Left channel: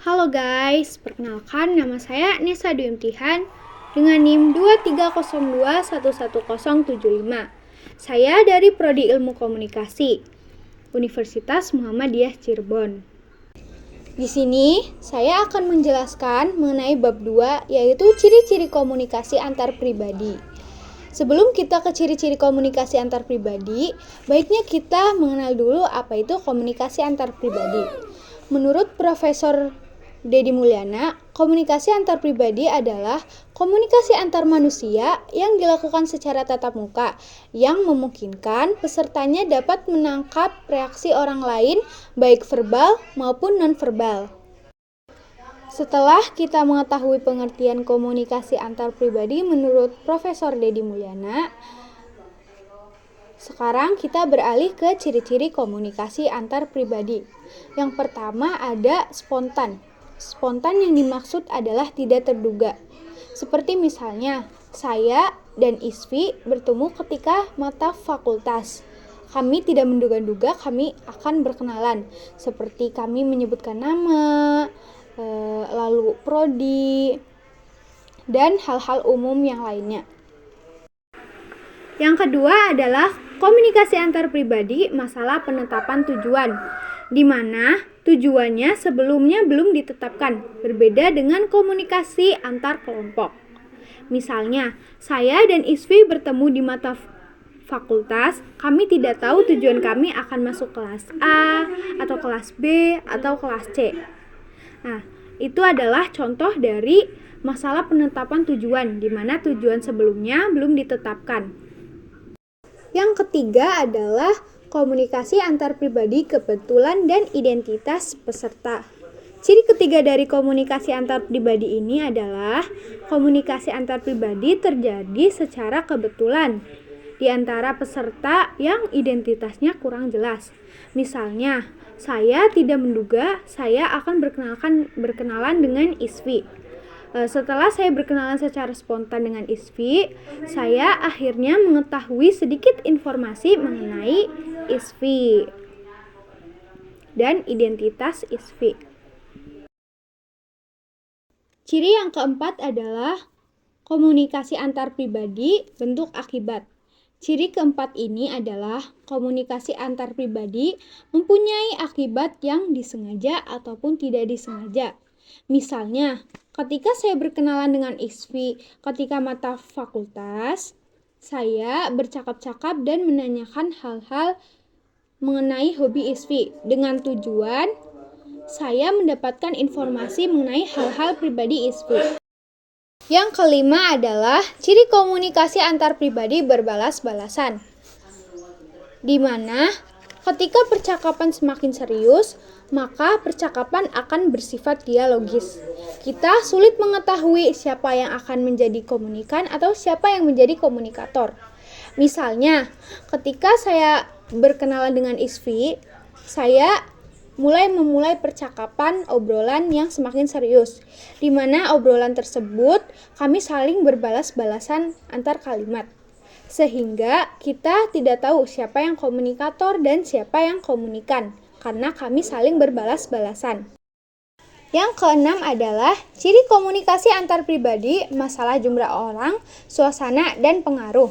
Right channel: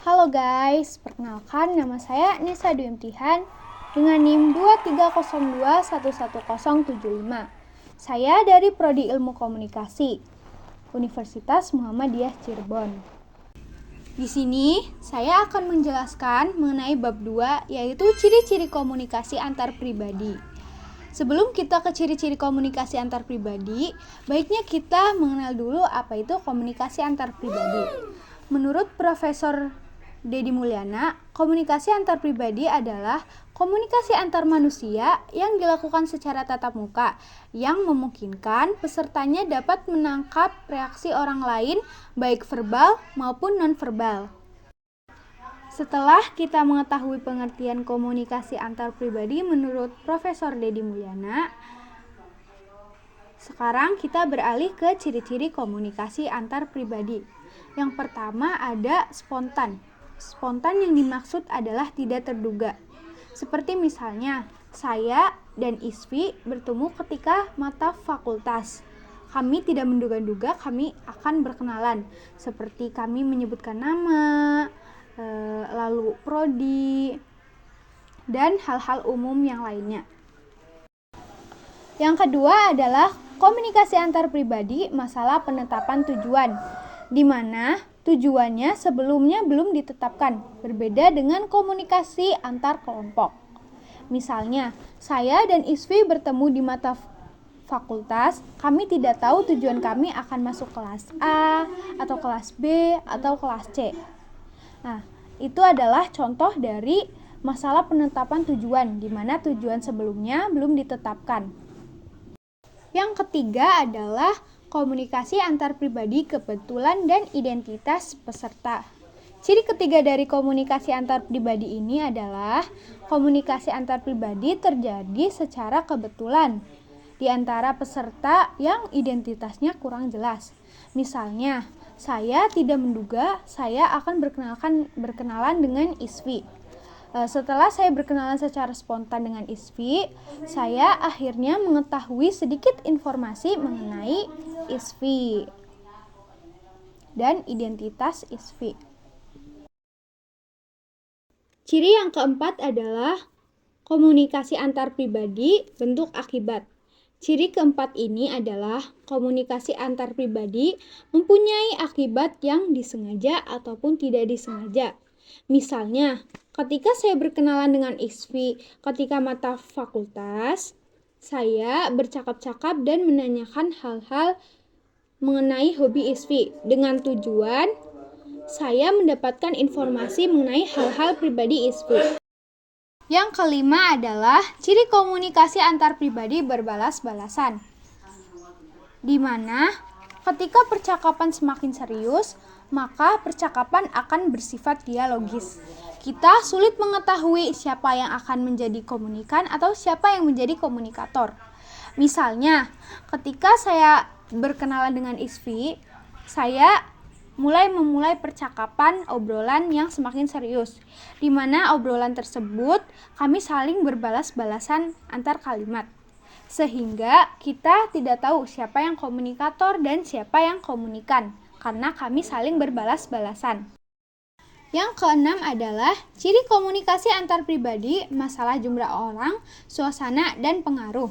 Halo guys, perkenalkan nama saya Nesa Dwi Imtihan dengan NIM 2302111075. Saya dari Prodi Ilmu Komunikasi, Universitas Muhammadiyah Cirebon. Di sini saya akan menjelaskan mengenai bab 2, yaitu ciri-ciri komunikasi antar pribadi. Sebelum kita ke ciri-ciri komunikasi antar pribadi, baiknya kita mengenal dulu apa itu komunikasi antar pribadi. Menurut Profesor Dedi Mulyana, komunikasi antar pribadi adalah komunikasi antar manusia yang dilakukan secara tatap muka, yang memungkinkan pesertanya dapat menangkap reaksi orang lain, baik verbal maupun non-verbal. Setelah kita mengetahui pengertian komunikasi antar pribadi menurut Profesor Dedi Mulyana, sekarang kita beralih ke ciri-ciri komunikasi antar pribadi. Yang pertama ada spontan. Spontan yang dimaksud adalah tidak terduga. Seperti misalnya, saya dan Isfi bertemu ketika mata fakultas. Kami tidak menduga-duga kami akan berkenalan. Seperti kami menyebutkan nama, lalu prodi, dan hal-hal umum yang lainnya. Yang kedua adalah komunikasi antar pribadi masalah penetapan tujuan, di mana tujuannya sebelumnya belum ditetapkan, berbeda dengan komunikasi antar kelompok. Misalnya, saya dan Isfi bertemu di mata fakultas, kami tidak tahu tujuan kami akan masuk kelas A, atau kelas B, atau kelas C. Nah, itu adalah contoh dari masalah penetapan tujuan, di mana tujuan sebelumnya belum ditetapkan. Yang ketiga adalah komunikasi antar pribadi kebetulan dan identitas peserta. Ciri ketiga dari komunikasi antar pribadi ini adalah komunikasi antar pribadi terjadi secara kebetulan di antara peserta yang identitasnya kurang jelas. Misalnya, saya tidak menduga saya akan berkenalan dengan Isfi. Setelah saya berkenalan secara spontan dengan Isfi, saya akhirnya mengetahui sedikit informasi mengenai Isfi dan identitas Isfi. Ciri yang keempat adalah komunikasi antar pribadi bentuk akibat. Ciri keempat ini adalah komunikasi antar pribadi mempunyai akibat yang disengaja ataupun tidak disengaja. Misalnya, ketika saya berkenalan dengan Isfi ketika mata fakultas, saya bercakap-cakap dan menanyakan hal-hal mengenai hobi Isfi dengan tujuan saya mendapatkan informasi mengenai hal-hal pribadi Isfi. Yang kelima adalah ciri komunikasi antar pribadi berbalas-balasan, di mana ketika percakapan semakin serius, maka percakapan akan bersifat dialogis. Kita sulit mengetahui siapa yang akan menjadi komunikan atau siapa yang menjadi komunikator. Misalnya, ketika saya berkenalan dengan Isfi, saya memulai percakapan obrolan yang semakin serius, di mana obrolan tersebut kami saling berbalas-balasan antar kalimat. Sehingga kita tidak tahu siapa yang komunikator dan siapa yang komunikan, karena kami saling berbalas-balasan. Yang keenam adalah ciri komunikasi antar pribadi, masalah jumlah orang, suasana, dan pengaruh.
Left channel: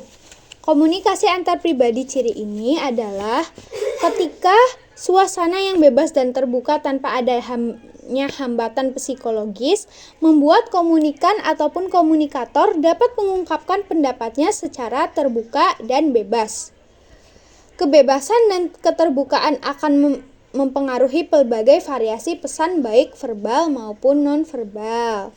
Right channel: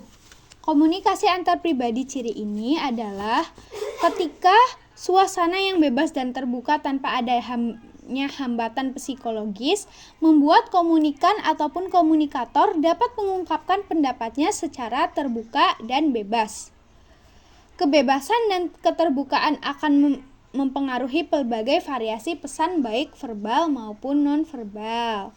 Komunikasi antar pribadi ciri ini adalah ketika suasana yang bebas dan terbuka tanpa ada hambatan psikologis membuat komunikan ataupun komunikator dapat mengungkapkan pendapatnya secara terbuka dan bebas. Kebebasan dan keterbukaan akan mempengaruhi pelbagai variasi pesan baik verbal maupun non-verbal.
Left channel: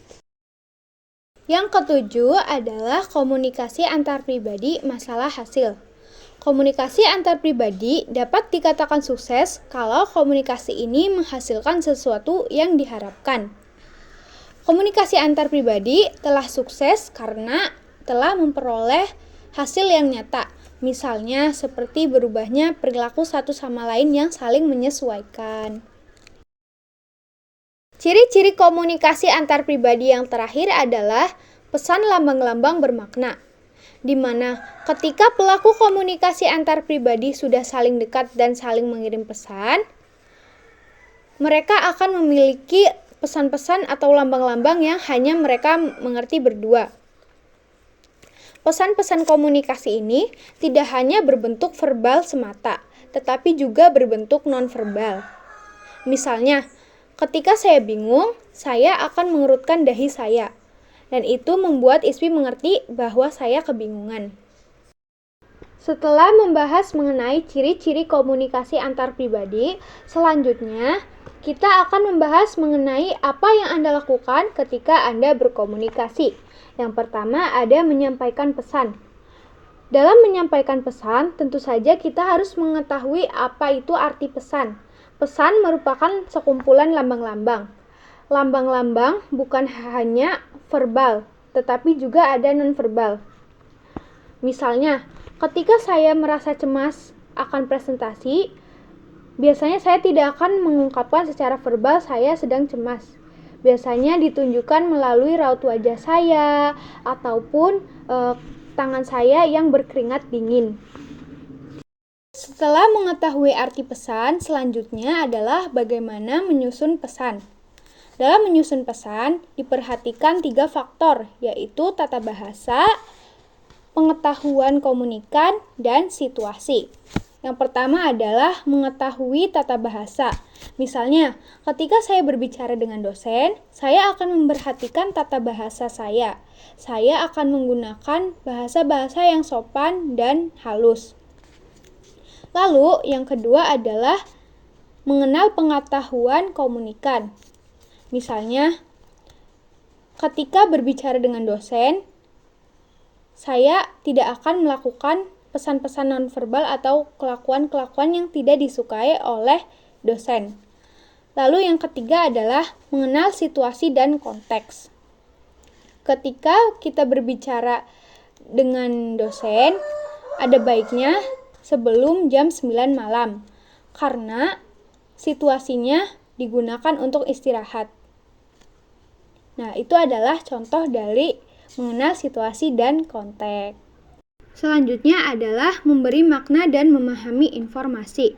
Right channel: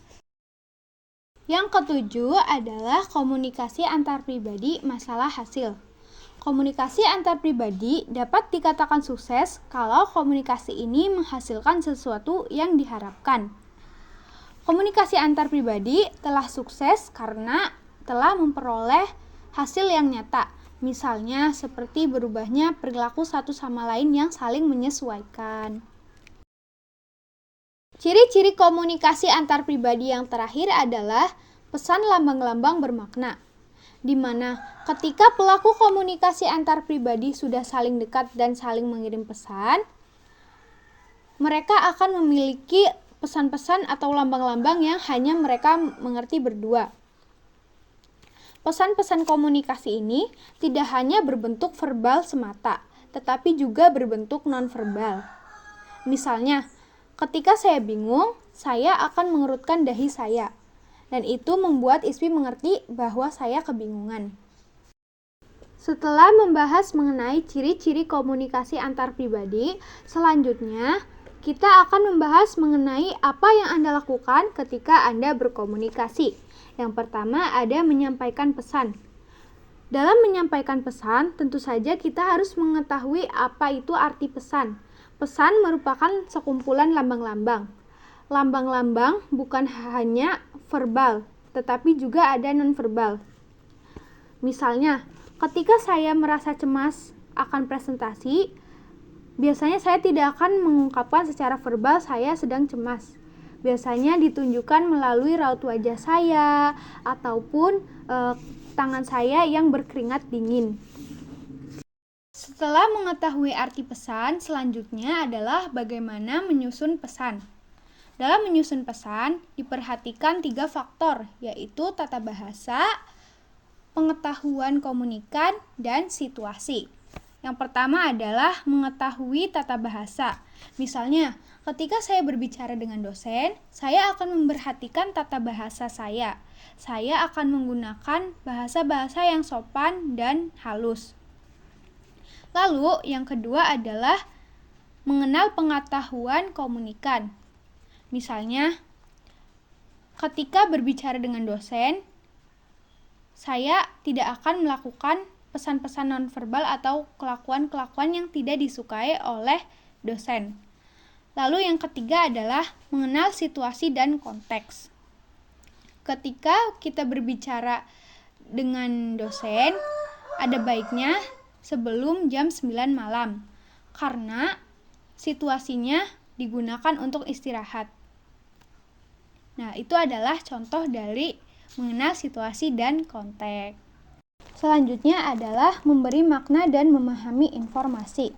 Yang ketujuh adalah komunikasi antar pribadi masalah hasil. Komunikasi antar pribadi dapat dikatakan sukses kalau komunikasi ini menghasilkan sesuatu yang diharapkan. Komunikasi antar pribadi telah sukses karena telah memperoleh hasil yang nyata. Misalnya seperti berubahnya perilaku satu sama lain yang saling menyesuaikan. Ciri-ciri komunikasi antar pribadi yang terakhir adalah pesan lambang-lambang bermakna, di mana ketika pelaku komunikasi antar pribadi sudah saling dekat dan saling mengirim pesan, mereka akan memiliki pesan-pesan atau lambang-lambang yang hanya mereka mengerti berdua. Pesan-pesan komunikasi ini tidak hanya berbentuk verbal semata, tetapi juga berbentuk non-verbal. Misalnya, ketika saya bingung, saya akan mengerutkan dahi saya, dan itu membuat Ismi mengerti bahwa saya kebingungan. Setelah membahas mengenai ciri-ciri komunikasi antar pribadi, selanjutnya kita akan membahas mengenai apa yang Anda lakukan ketika Anda berkomunikasi. Yang pertama ada menyampaikan pesan. Dalam menyampaikan pesan, tentu saja kita harus mengetahui apa itu arti pesan. Pesan merupakan sekumpulan lambang-lambang. Lambang-lambang bukan hanya verbal, tetapi juga ada non-verbal. Misalnya, ketika saya merasa cemas akan presentasi, biasanya saya tidak akan mengungkapkan secara verbal saya sedang cemas. Biasanya ditunjukkan melalui raut wajah saya ataupun tangan saya yang berkeringat dingin. Setelah mengetahui arti pesan, selanjutnya adalah bagaimana menyusun pesan. Dalam menyusun pesan, diperhatikan 3 faktor, yaitu tata bahasa, pengetahuan komunikan, dan situasi. Yang pertama adalah mengetahui tata bahasa. Misalnya, ketika saya berbicara dengan dosen, saya akan memperhatikan tata bahasa saya. Saya akan menggunakan bahasa-bahasa yang sopan dan halus. Lalu, yang kedua adalah mengenal pengetahuan komunikan. Misalnya, ketika berbicara dengan dosen, saya tidak akan melakukan pesan-pesan nonverbal atau kelakuan-kelakuan yang tidak disukai oleh dosen. Lalu yang ketiga adalah mengenal situasi dan konteks. Ketika kita berbicara dengan dosen, ada baiknya sebelum jam 9 malam, karena situasinya digunakan untuk istirahat. Nah, itu adalah contoh dari mengenal situasi dan konteks. Selanjutnya adalah memberi makna dan memahami informasi.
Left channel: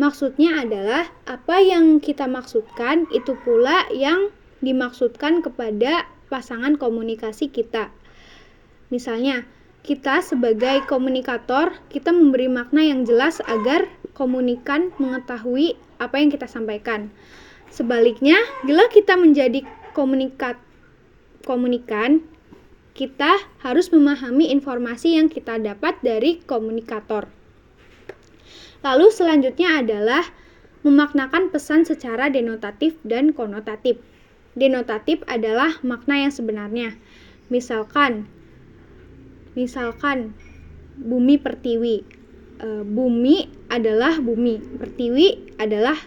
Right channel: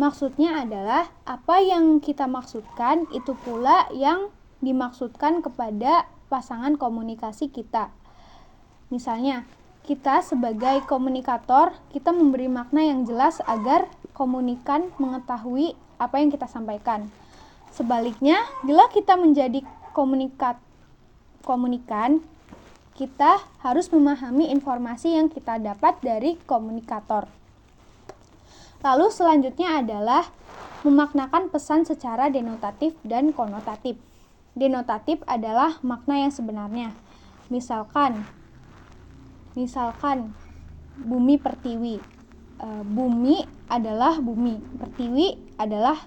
Maksudnya adalah apa yang kita maksudkan itu pula yang dimaksudkan kepada pasangan komunikasi kita. Misalnya, kita sebagai komunikator, kita memberi makna yang jelas agar komunikan mengetahui apa yang kita sampaikan. Sebaliknya, bila kita menjadi komunikan, kita harus memahami informasi yang kita dapat dari komunikator. Lalu selanjutnya adalah memaknakan pesan secara denotatif dan konotatif. Denotatif adalah makna yang sebenarnya. Misalkan bumi pertiwi. Bumi adalah bumi, pertiwi adalah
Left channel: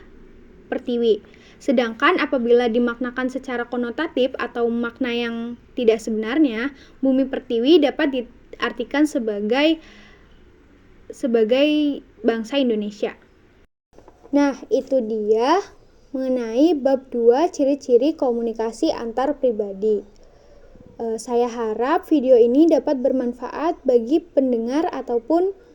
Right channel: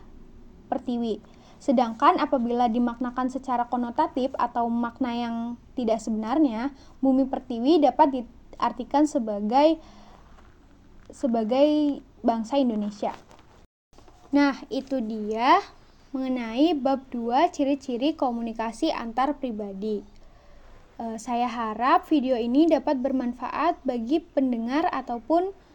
pertiwi. Sedangkan apabila dimaknakan secara konotatif atau makna yang tidak sebenarnya, bumi pertiwi dapat diartikan sebagai bangsa Indonesia. Nah, itu dia mengenai bab 2 ciri-ciri komunikasi antar pribadi. Saya harap video ini dapat bermanfaat bagi pendengar ataupun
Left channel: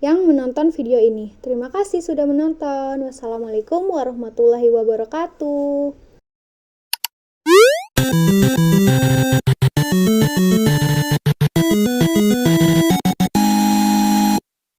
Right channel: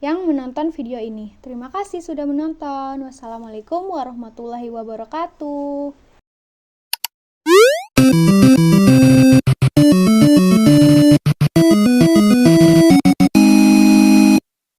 yang menonton video ini. Terima kasih sudah menonton. Wassalamualaikum warahmatullahi wabarakatuh.